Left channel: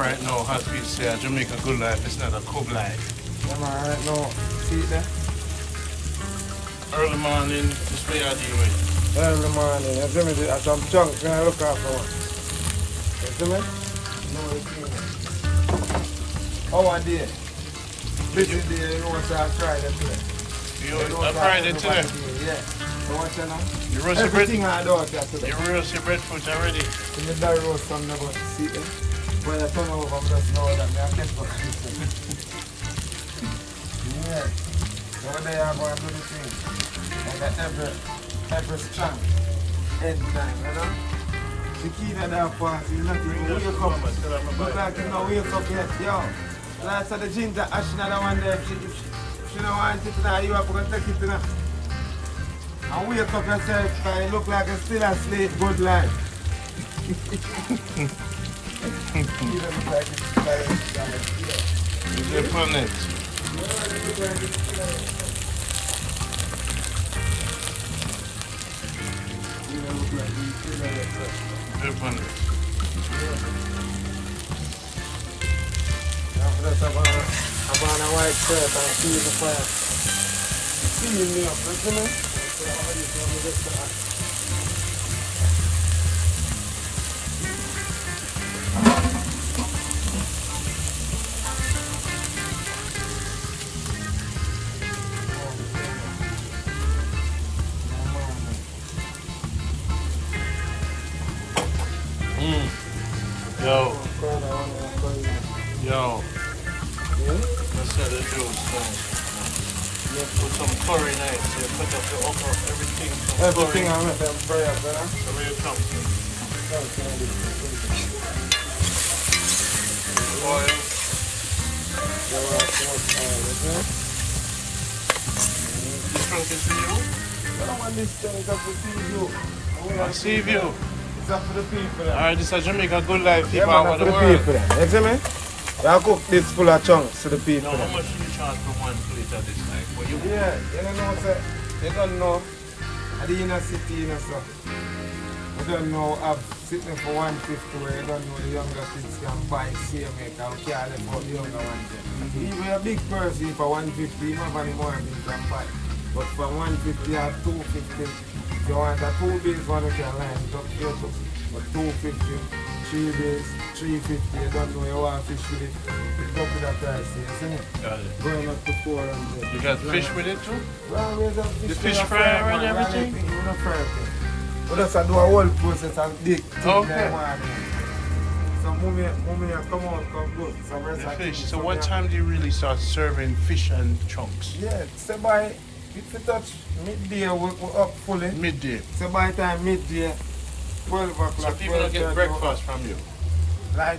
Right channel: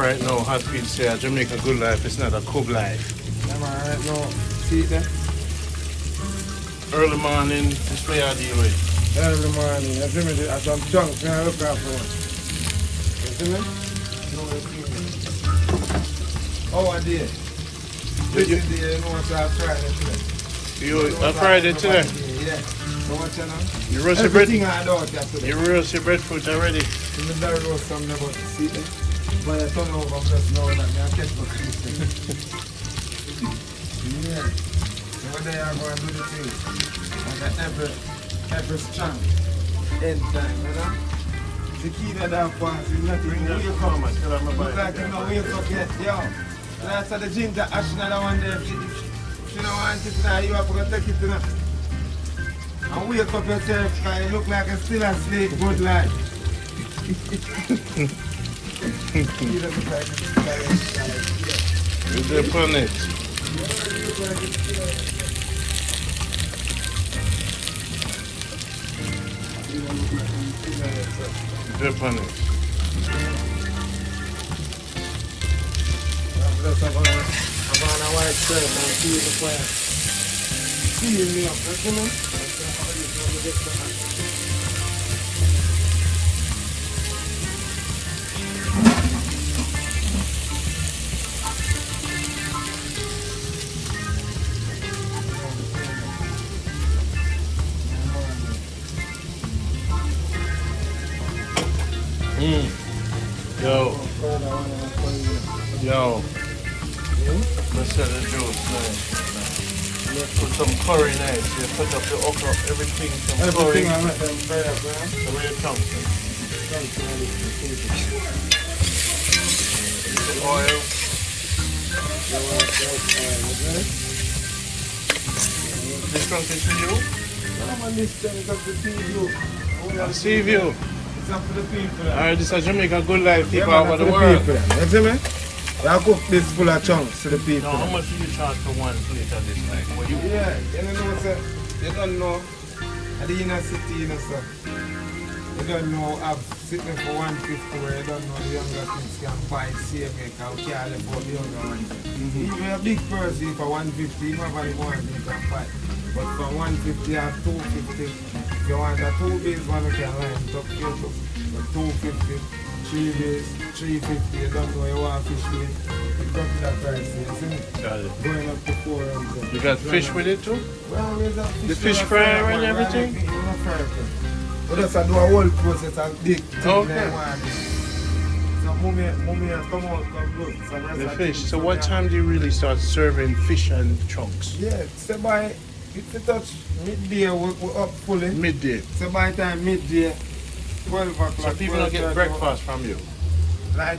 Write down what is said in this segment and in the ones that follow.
right now, hot feet say Jamaica good life, it's not a cool life. I'm right now. See it there? Early morning, this way I deal with. Early morning. You see me? There's some chunks and I look after one. You see me? No, you see me. How are they? Busy day, you know what's our Friday today. You a Friday today? Yeah. So what you know? You roast your bread? Everything I do out there today. You roast your breadfruit already? In the dairy roast some never see it. But I turn over just know that I catch for Christmas. Yeah. So when they are going to do the thing, and that every strong end time, you know? The key that I pass is not even wake up. Look like you know wake up yet, yo. Like so the jeans are ashing at the one there. If you don't want it now, you have to take it now. And wake up yourself because you look like you're still asleep, good life. Is there fun it? Very funny. I'm on a white shirt and see the fire. See me up, you know? Yo. Yo. Let's set the juice now. Put some curry in it. You put up the okra, everything. Everything I let them fry up, man. The way it comes. Some oil. This trunk is for you? No, man, this thing is up to see you. I see you. It's up for the people. Alright, this is Jamaica good life. Yeah, People man, over for the the world. people. You see me? I cook this full of chunks to the people. No, how much do you charge for one plate of this? Like, what you? Yeah, you don't know, sir. You don't know. At the inner city, you know, sir. You don't know, I'm sitting for 150 where you don't know the younger kids can buy same make and carry for the younger ones. Even a big person for 150, you don't have any more than you can buy. But from 150 or 250, if you want a 2 days one, you can line it up here too. But 250, 3 days, 350, you don't know you want fish with it. It's up to that price, you see me? Got it. Going up to 400. You got fish with it too? Well, there's a fish The fish fry fryer and everything? We don't fry it. We just do a whole process and big thing Okay. So mommy come out, come good. The fish. So what time do you really start serving fish and chunks? Yeah, so by, if you touch midday, we're up fully. Midday. So by the time midday, 12 o'clock. So people don't get breakfast from you? Like,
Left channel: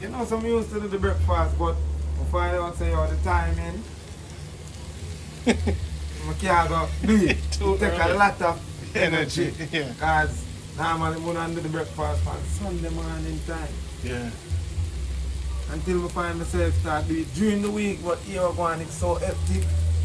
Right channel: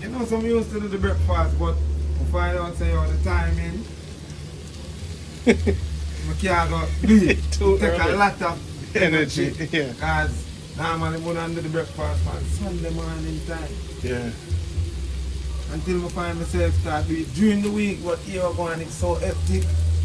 you know, some used to do the breakfast, but before I don't say all the time in, we can't go do it. Too Take early. a lot of energy. Yeah. Because normally we don't do the breakfast on Sunday morning time. Yeah. Until I find myself start do it during the week, but here going it's so hectic.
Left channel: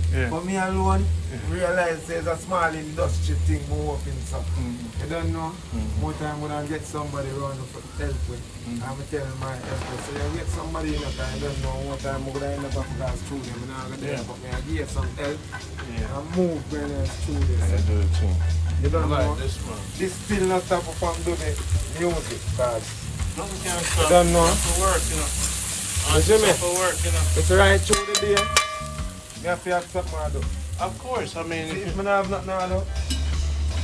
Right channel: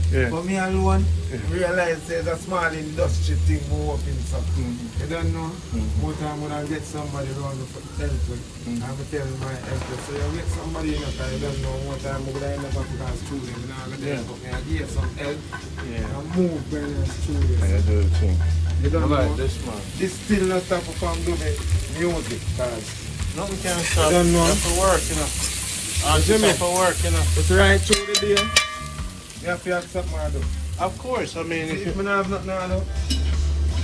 Yeah. For me alone, realize there's a small industry thing more up in something. You don't know, more time when I get somebody around to help with, I'm going to tell my helper. So you get somebody in a time, you don't know what time I'm going to end up because through them. And I'm going to help me. I give some help and move when I'm through this. I do the thing. You don't How know, about this man? this still not stop from doing music. Because Nothing can stop. I don't know. You have to work, you know. You Have to work, you know. it's right through the day. You have to have something to do. Of course, I mean, If I don't have nothing to do,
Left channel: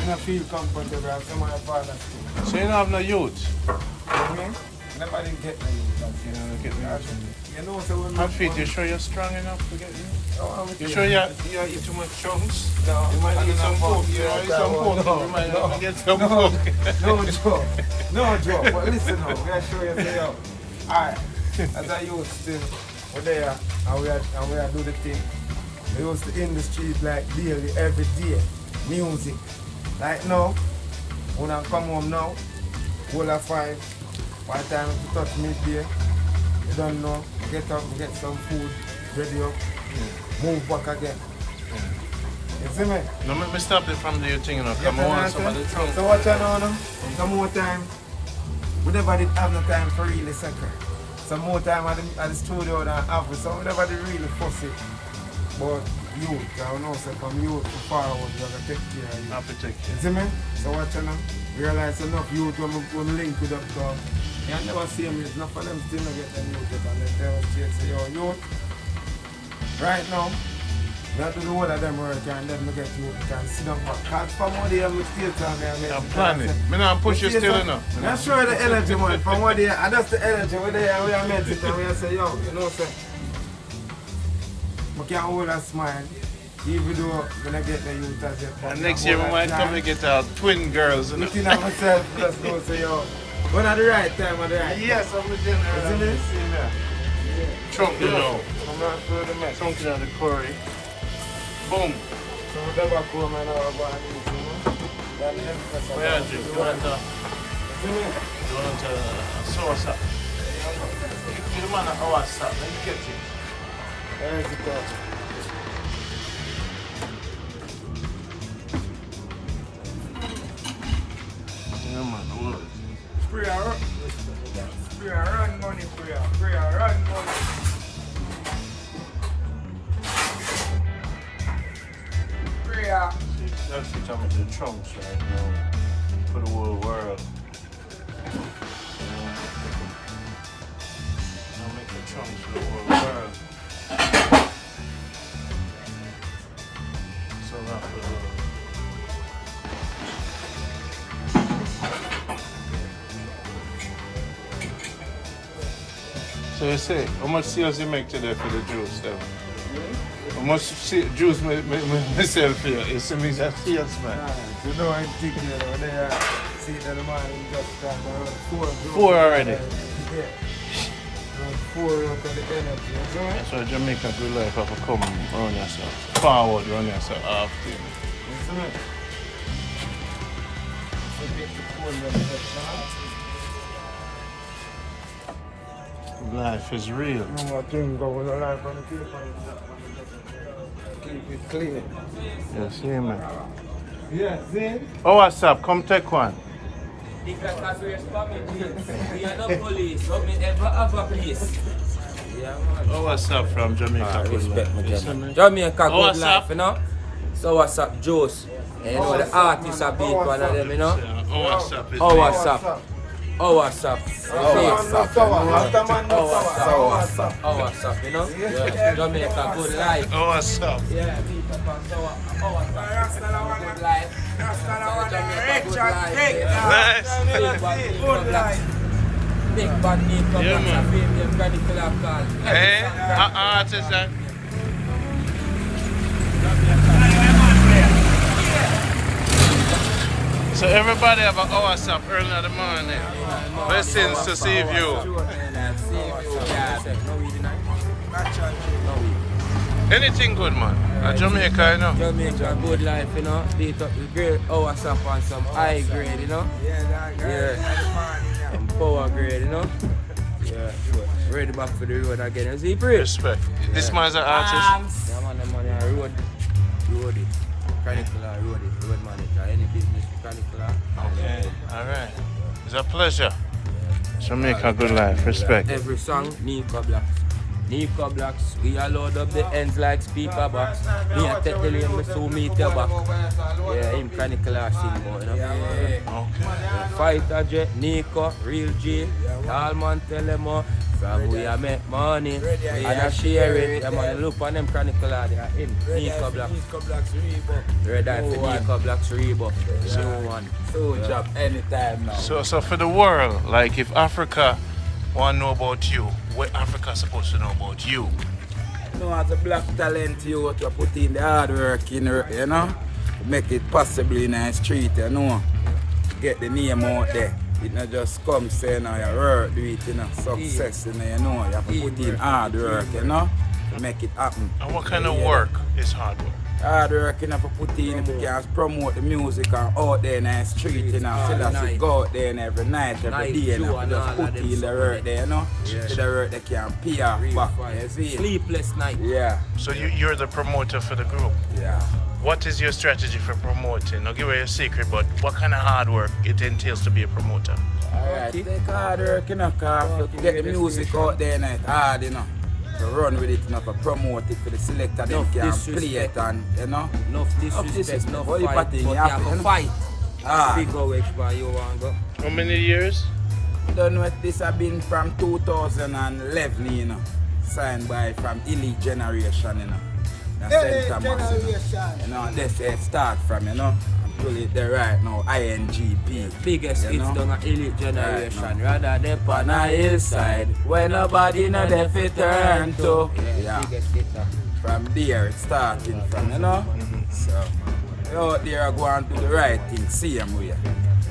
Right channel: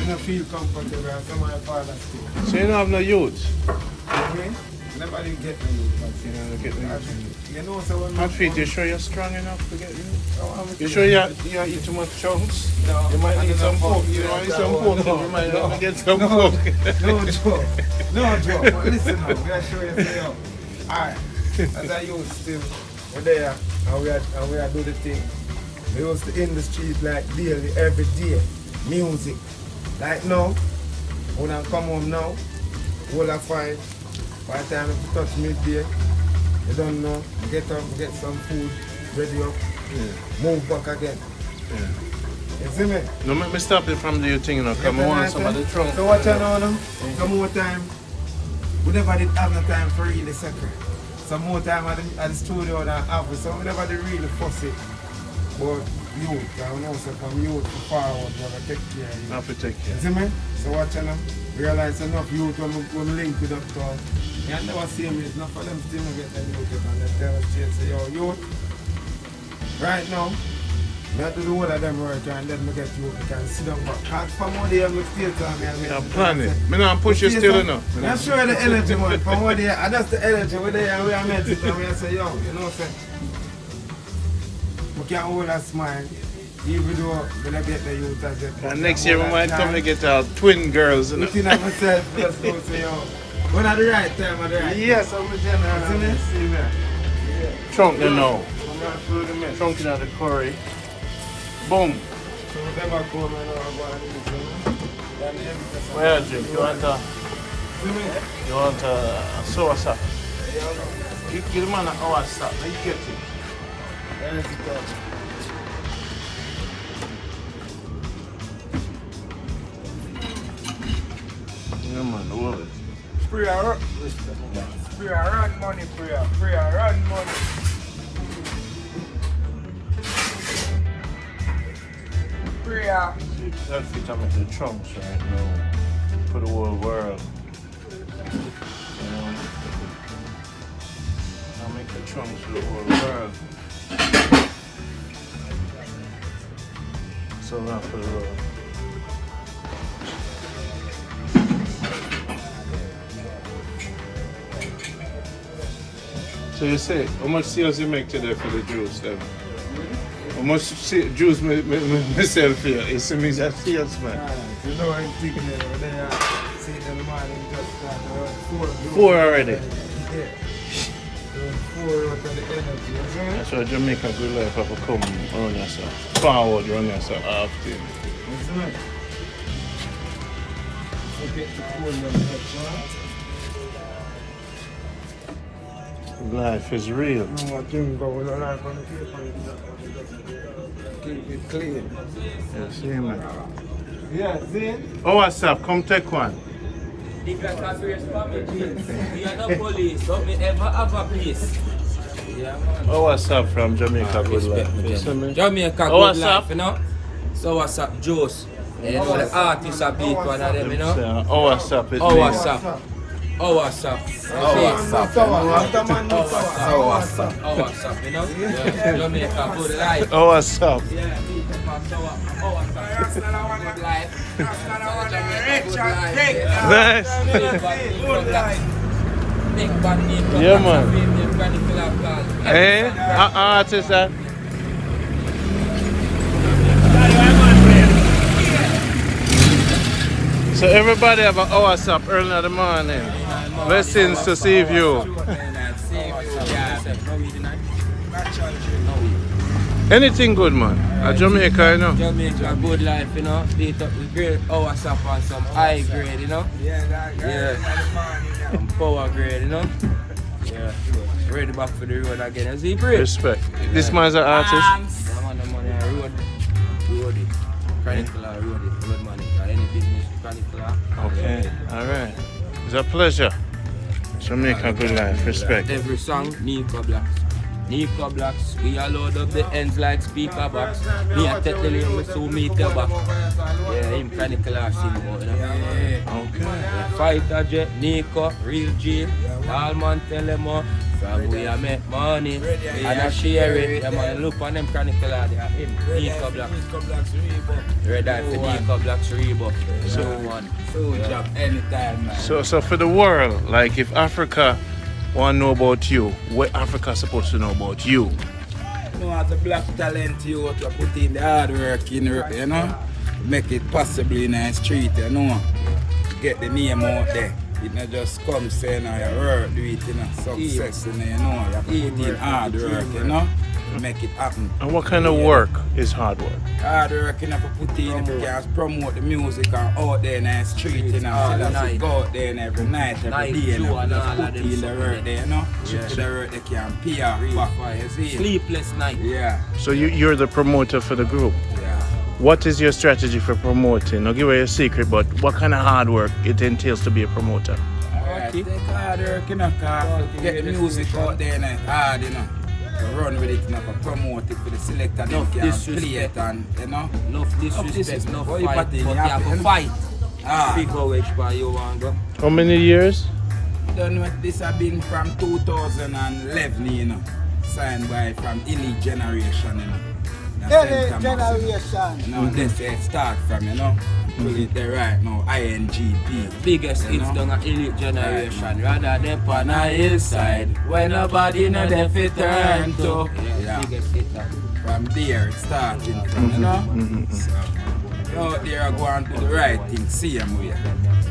I don't feel comfortable and some of my father's too. so you don't have no youth. You know what I mean? Nobody get me. You know, get me. You know, so when Hot feet, you sure you're strong enough to get me? Oh, You sure you don't eat too much chunks? No, You might I need some don't pork. know. You might need some pork. No, You might no, have to get some no, pork. no joke. No joke. But listen now, we gotta show you say, yo. Alright. As I used still, we're there and we are do the thing. We used to in the street like daily, every day. Music. Like now, when I come home now, all I find, by the time you touch midday, you don't know, get up, get some food, ready up, move back again. You see me? No, make me stop you from the thing, you know, come on, some of the trunk. So what you know now? Some more time. We never did have no time for really second. some more time at the studio than average. So whenever they really fussy about youth, I know so from youth to forward, you're going to take care of you. Not to take care. You see me? So what you know? Realize enough youth when we link with up to you never see me, it's not for them still to get the youth and they tell us say, yo, youth, right now, we have to do all of them work and then we get youth and sit down back. Because from what they have to stay time, I'm planning. I don't push you still enough. I'm sure the energy, man. From what they and that's the energy where they are, we are meant it and we are say, yo, you know, say, we can hold a smile. Even though when I get the youth as it. And next year we might come to get our twin girls. Looking at myself, just don't say, yo, when at the right time, at the right time. Yes, I'm the general. Trunk, you know. Trunk in the curry. Boom. So we never come and our body. Where drink? You want a sour sap? You give the man an hour sap, then you get it. Yeah, man, the world. Free and run. Free and run money, free and run money. Free and That's the time of the trunks right now for the whole world. I'll make the trunks for the whole world. So not for the world. So you say, how much sales you make today for the juice then? How much juice myself here? You see me as a salesman. you know I'm thinking over there. See the man just got 4 already. Yeah. 4 out of the energy, you know? So Jamaica good life have to come on yourself. Forward on yourself after. That's right. So get the phone and touch. Life is real. No, I can't go on the life on the paper. Keep it clean. You see me? Yeah, see? Oh, what's up? Come take one. If that's not where it's coming, we are no police, but we never have a place. Yeah, man. Oh, what's up from Jamaica? Good life. You see me? Jamaica, Oh, good what's life, up? you know? So what's up, Juice? You know, the artists are big one of them, you know? Oh, what's up? It's Oh, me. what's up? Oh, what's up? Oh, what's up? Oh, what's up? Oh, what's up, you know? Yeah, Jamaica, good life. Oh, what's up? Yeah, oh, what's up? Good life. Nice. Good life. Big band name, Yeah, man. man. Eh? Artist, that? So everybody have an hour up early in the morning. Blessings to see you. Anything good, man? At Jamaica, you know? Jamaica, good life, you know. Beat up the great hours up on some high grade, you know. Yeah. Some power grade, you know. Yeah. Ready back for the road again. You see, free? Respect. This man's an artist. Yeah, man, the money on road it. Mechanical road it, road manager. Any business, mechanical. Okay, alright. It's a pleasure. Jamaica, good life. Respect. Every song, Nico Blacks. Nico Blacks, we are load up the ends like speaker box. Me a take the lane, so meet your back. Yeah, him mechanical sing about, you know. Okay. Yeah, Fighter Jet, Nico, Real G, all man tell them all. From we a make money, and I share it. Yeah man, look on them chronicle there, him, Nico Blacks. Red Eye for Nico Blacks Reebok. So one. Full job anytime, man. So for the world, like if Africa want to know about you, what Africa supposed to know about you? You know, as a black talent, you have to put in the hard work, you know, to make it possibly in the street, you know, get the name out there. It not just come saying, you know, you work, do it, you know, success, you know, you have to put in hard work, you know, to make it happen. And what kind of work is hard work? Hard work, you know, to put in, if you can promote the music and out there in the street, you know, so that you go out there and every night, every day, you know, just put in the work there, you know, so the work they can pay off back, you see. Sleepless night. Yeah, So you're the promoter for the group. yeah. What is your strategy for promoting? I'll give away a secret, but what kind of hard work it entails to be a promoter? Party. Take hard work, you know, cause to get the music out there, and it's hard, you know. To run with it, you know, to promote it for the selector, them can play it, and, you know. No disrespect, no What you fight, but party, you you have have to to- fight. Ah. Figure which way you want to go. How many years? I don't know if this has been from 2011, you know. Signed by from Elite Generation, you know. Hey, St. Thomas, generation. you know, that's where it start from, you know. Pull it there right now, INGP. Biggest You hits know? down a elite generation. Right, Rather than on a hillside where nobody know they fit turn to. Yeah. Biggest hit. From there it starting from, you know. So, out there I go and do the right thing, same way.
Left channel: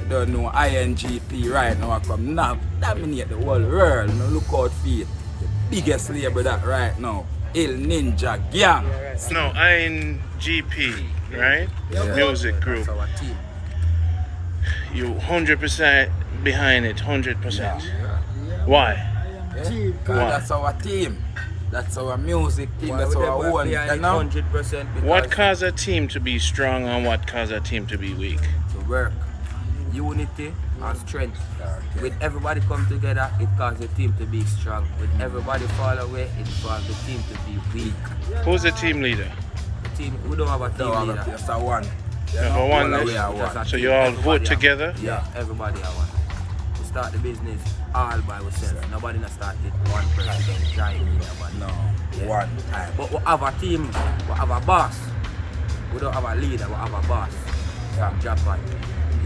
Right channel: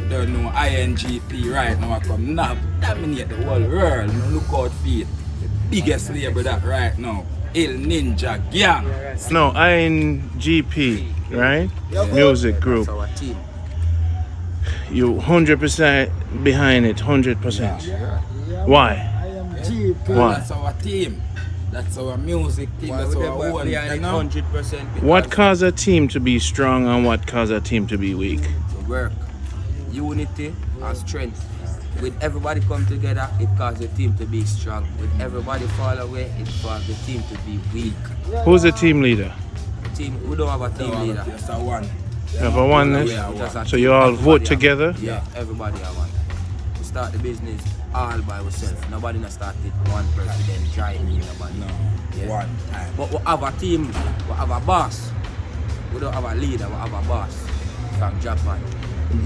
You don't know INGP right now I come now dominate the whole world. Now look out for it. The biggest label that right now. Il Ninja Gang. No, INGP, right? Music group. That's our team. You 100% behind it, 100%. Why? Because that's our team. That's our music team. Why That's would our they own. behind You it know? 100%? Because What cause a team to be strong and what cause a team to be weak? to work, unity and strength. With everybody come together, it causes the team to be strong. With everybody fall away, it causes the team to be weak. Who's the team leader? The team, we don't have a team leader. Just a one. Number one. All the way Yeah, a we just one. a So team. you all Everybody vote have- together? Yeah, everybody are one. We start the business all by ourselves. Nobody not start it one president trying nobody. No, Yeah. one time. But we have a team, we have a boss. We don't have a leader, we have a boss from Japan.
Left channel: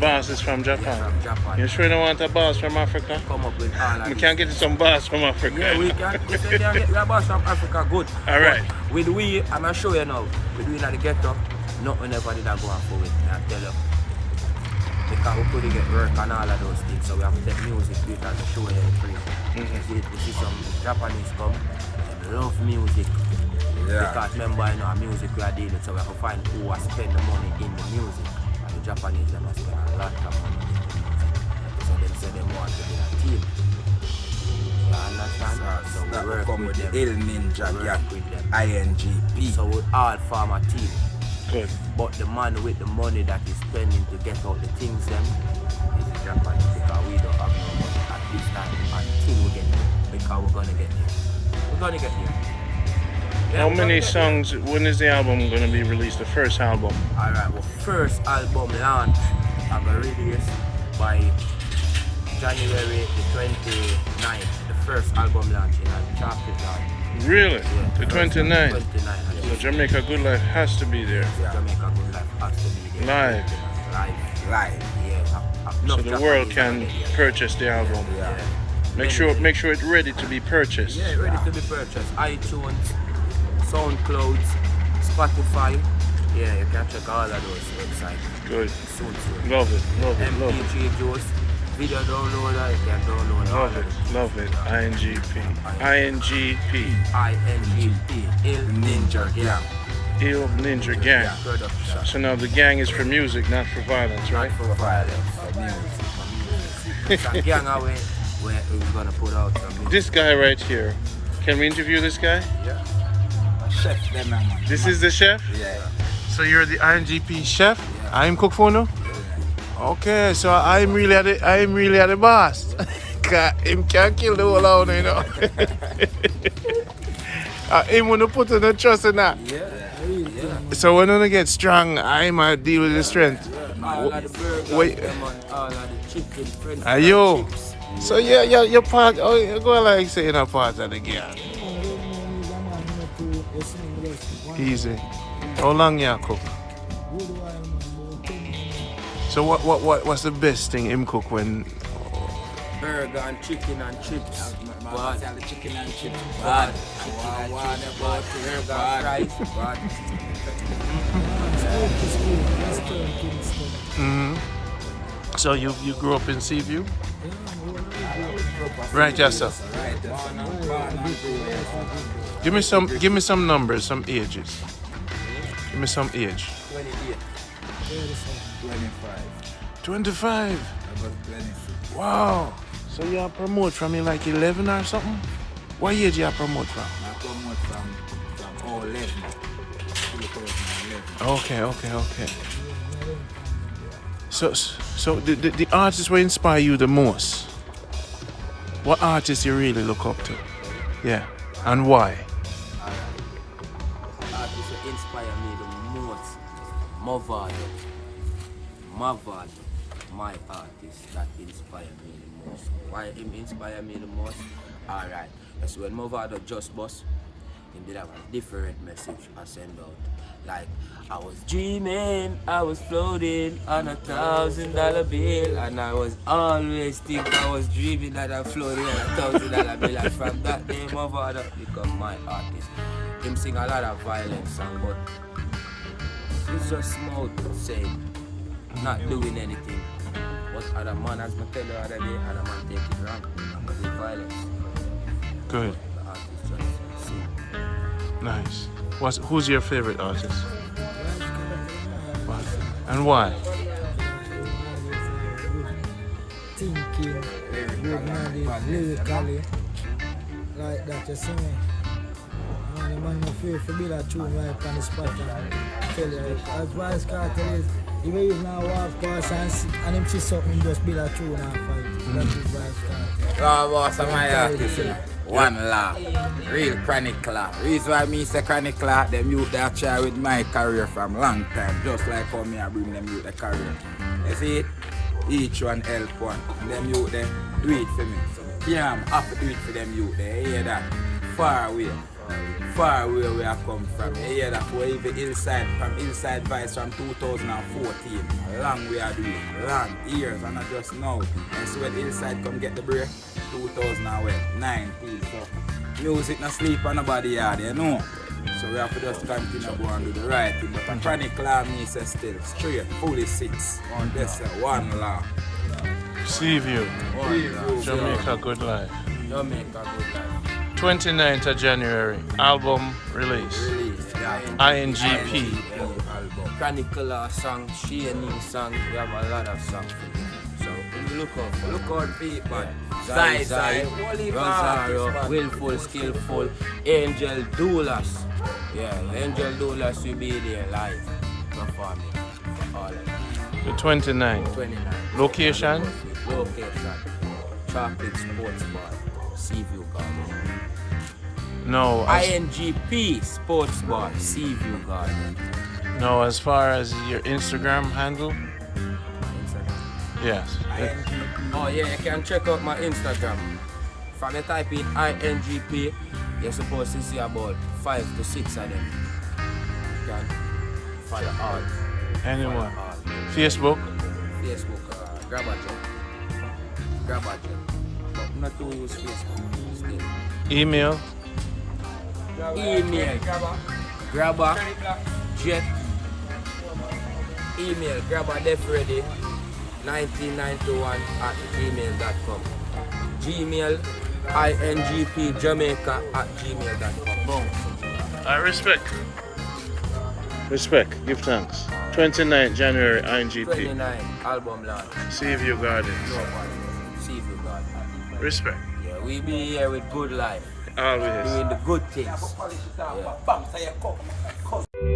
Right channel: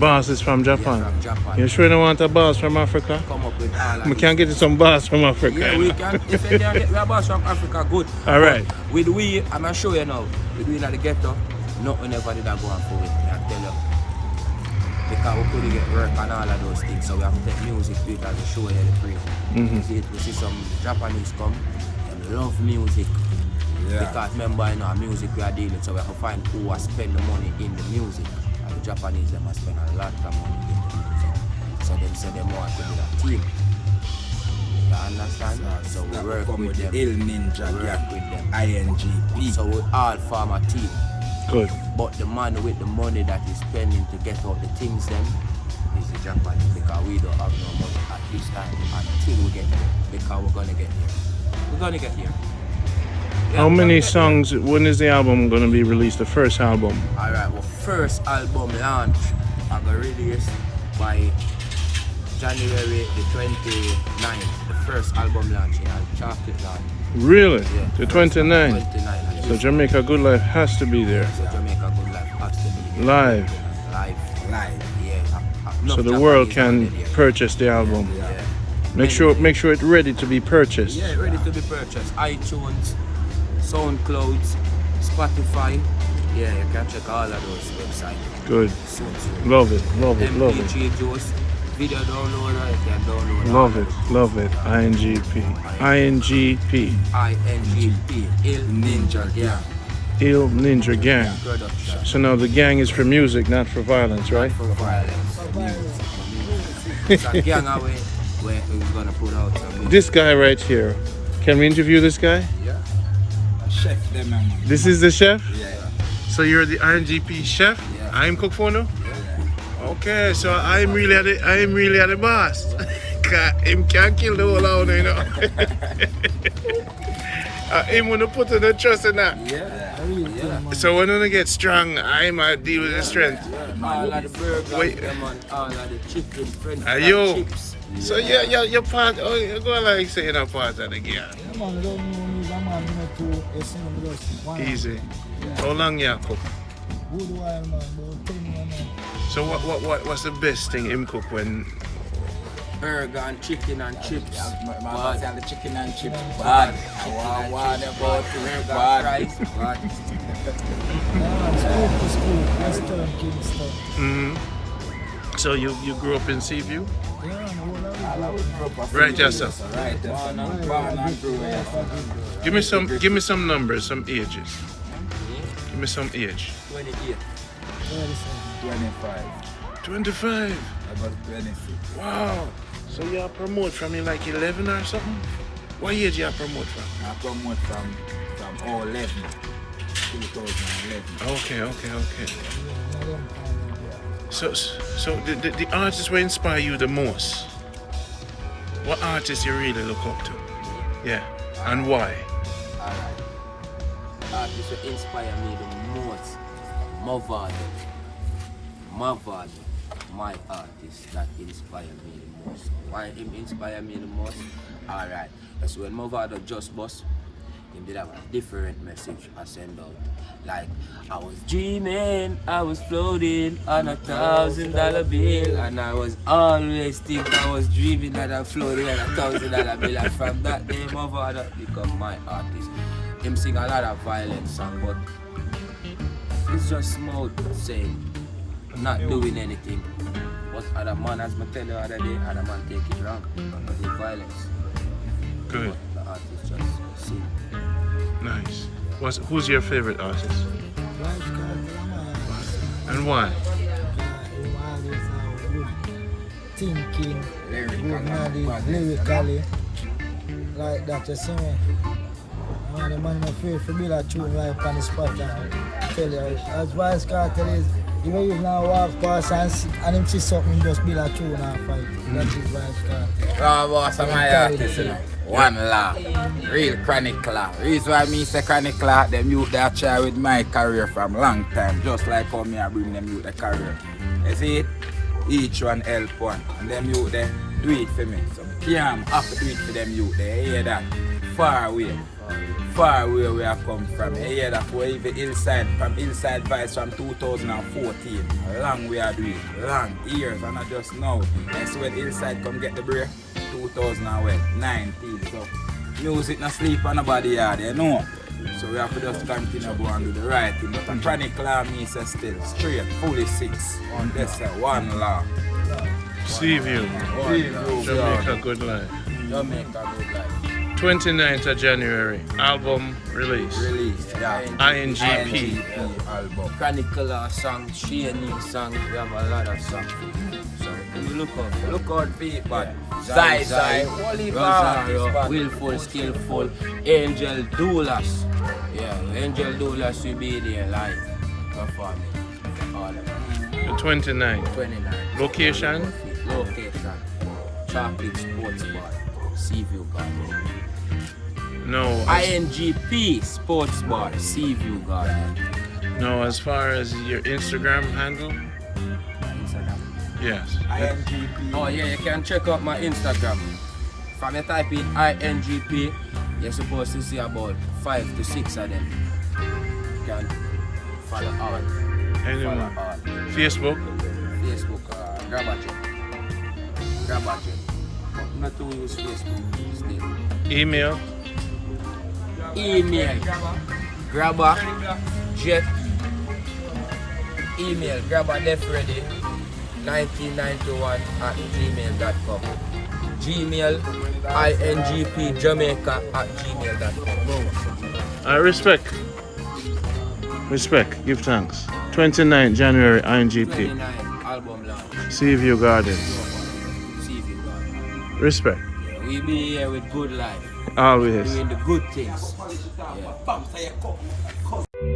Boss is from Yeah, Japan. from Japan. You sure don't want a boss from Africa? Come up with all of We this. can get you some boss from Africa. Yeah, we can. If you can get a boss from Africa, good. All right. But with we, I'm gonna show you now. With we in the ghetto, nothing ever did I go and for it. I tell you. Because we couldn't get work and all of those things, so we have to take music to it as a show you the free. We see some Japanese come, they love music. Yeah. Because remember, you know, music we are dealing, so we have to find who will spend the money in the music. And the Japanese, they must spend a lot of money in the music. So them say they want to be a team. You understand? So we That will work come with them. the Il Ninja We work with them. INGP. So we all form a team. Good. But the man with the money that is spending to get out the things them is the Japanese, because we don't have no money at this time until we get there. Because we're gonna get there. We're gonna get there. Yeah, How we're gonna many get songs, when is the album going to be released, the first album? there. Alright, well, first album launch I'm gonna release by January the 29th. The first album launch in a chocolate launch. Really? Yeah, The first 29th? 29th. So Jamaica Good Life has to be there. So Jamaica Good Life has to be there. Live. Live. Live. Yeah. So the world can purchase the album. Yeah. Make sure it's ready to be purchased. Yeah, ready to be purchased. iTunes, SoundCloud, Spotify. Yeah, you can check all of those websites Good. soon. Love it. Love it. Love it. MP3 Juice, video downloader, you can download all Love of it. those. Love it. INGP. INGP. INGP, Il Ninja Gang Il Ninja Gang. Production. So now the gang is for music, not for violence, right? Not for violence, for music. It's a gang away where we're gonna put out some music. This guy right here. Can we interview this guy? Yeah. A chef them, man. This is the chef? Yeah. So you're the INGP chef? Yeah. I'm cook for now? Okay, so I'm really at the boss. Him can't kill the whole house, you know. Him wanna put in the trust in that. Yeah. So when I get strong, I might deal with the strength. All of the burgers, Wait. them and all of the chicken, french fries, Yo. chips. So you're part, oh, you go like saying a part of the gang. Easy. How long you cook? So what's the best thing him cook when? Burger and chicken and chips. Man, say the chicken and chips bad. I want about it Burger bad. fries, bad. So you grew up in Seaview? Right, Right, yes, sir. Right, born and grew up. Give me some numbers, some ages. Give me some age. 28. 25. 25. About 26. Wow. So you promote from like 11 or something? What age you promote from? I promote from 11. 2011. Okay. So the artists will inspire you the most. What artists you really look up to? Yeah. And why? Artists that inspire me the most. Mavado, my artist that inspire me the most. Why him inspire me the most? Alright, that's when Mavado just bust, he did have a different message I send out. Like, I was dreaming, I was floating on $1,000 bill, and I was always think I was dreaming that I'm floating on $1,000 bill. And from that day, Mavado become my artist. Him sing a lot of violent song, but it's just smooth saying, not doing anything. But other man, as I tell you the other day, other man take it wrong because it's violence. Good. But the artist just sing. Nice. Who's your favorite artist? And why? Thinking, lyrically, like that, you see me? And the man afraid to build a tune right on the spot and tell you, as Vice Cartel is, if you use now walk past and him see something, just build a tune and fight. That is Vice Cartel. Raw boss of my artist, you know. One law. Real chronicler. Reason why me say chronicler, them youth that try with my career from long time. Just like how me I bring them youth the career. You see it? Each one help one. And them youth they do it for me. So yeah, I'm have to do it for them youth. They hear that. Far away where I come from. You hear that for even Hillside, from Hillside Vice from 2014. A long way I do it. Long years and not just now. And so when Hillside come get the break, 2019. So music not sleep on nobody yard, you know. So we have to just continue go and do the right thing. But a chronicler me say still straight, fully 6 on this one law. Seaview. Jamaica Good Life. Jamaica Good Life. 29th of January, album release. Yeah. INGP. album. Chronicler song, Shane song, we have a lot of songs. So look out people. Zai, Wally Rosario, Willful, Skillful, Angel Doulas. Yeah, Angel Doulas will be there live performing for all of them. The 29th. 29. Location? Chocolate Sports Bar, Seaview Garden. No. INGP Sports Bar, Seaview Garden. No, as far as your Instagram handle? Yes. INGP. Oh yeah, you can check out my Instagram. If you type in INGP, you're supposed to see about 5 to 6 of them. You can follow all. Anyone? Follow all. Facebook? Facebook, Grabber. But not to use Facebook still. Email? Email Grabber Jet. Email Grabber Def Ready 1991 at gmail.com. Gmail INGP Jamaica at gmail.com. I respect. Give thanks. 29 January, INGP. 29 album launch. Seaview Garden. Seaview Garden. Respect. Yeah, we be here with good life. Always. Doing the good things. Yeah.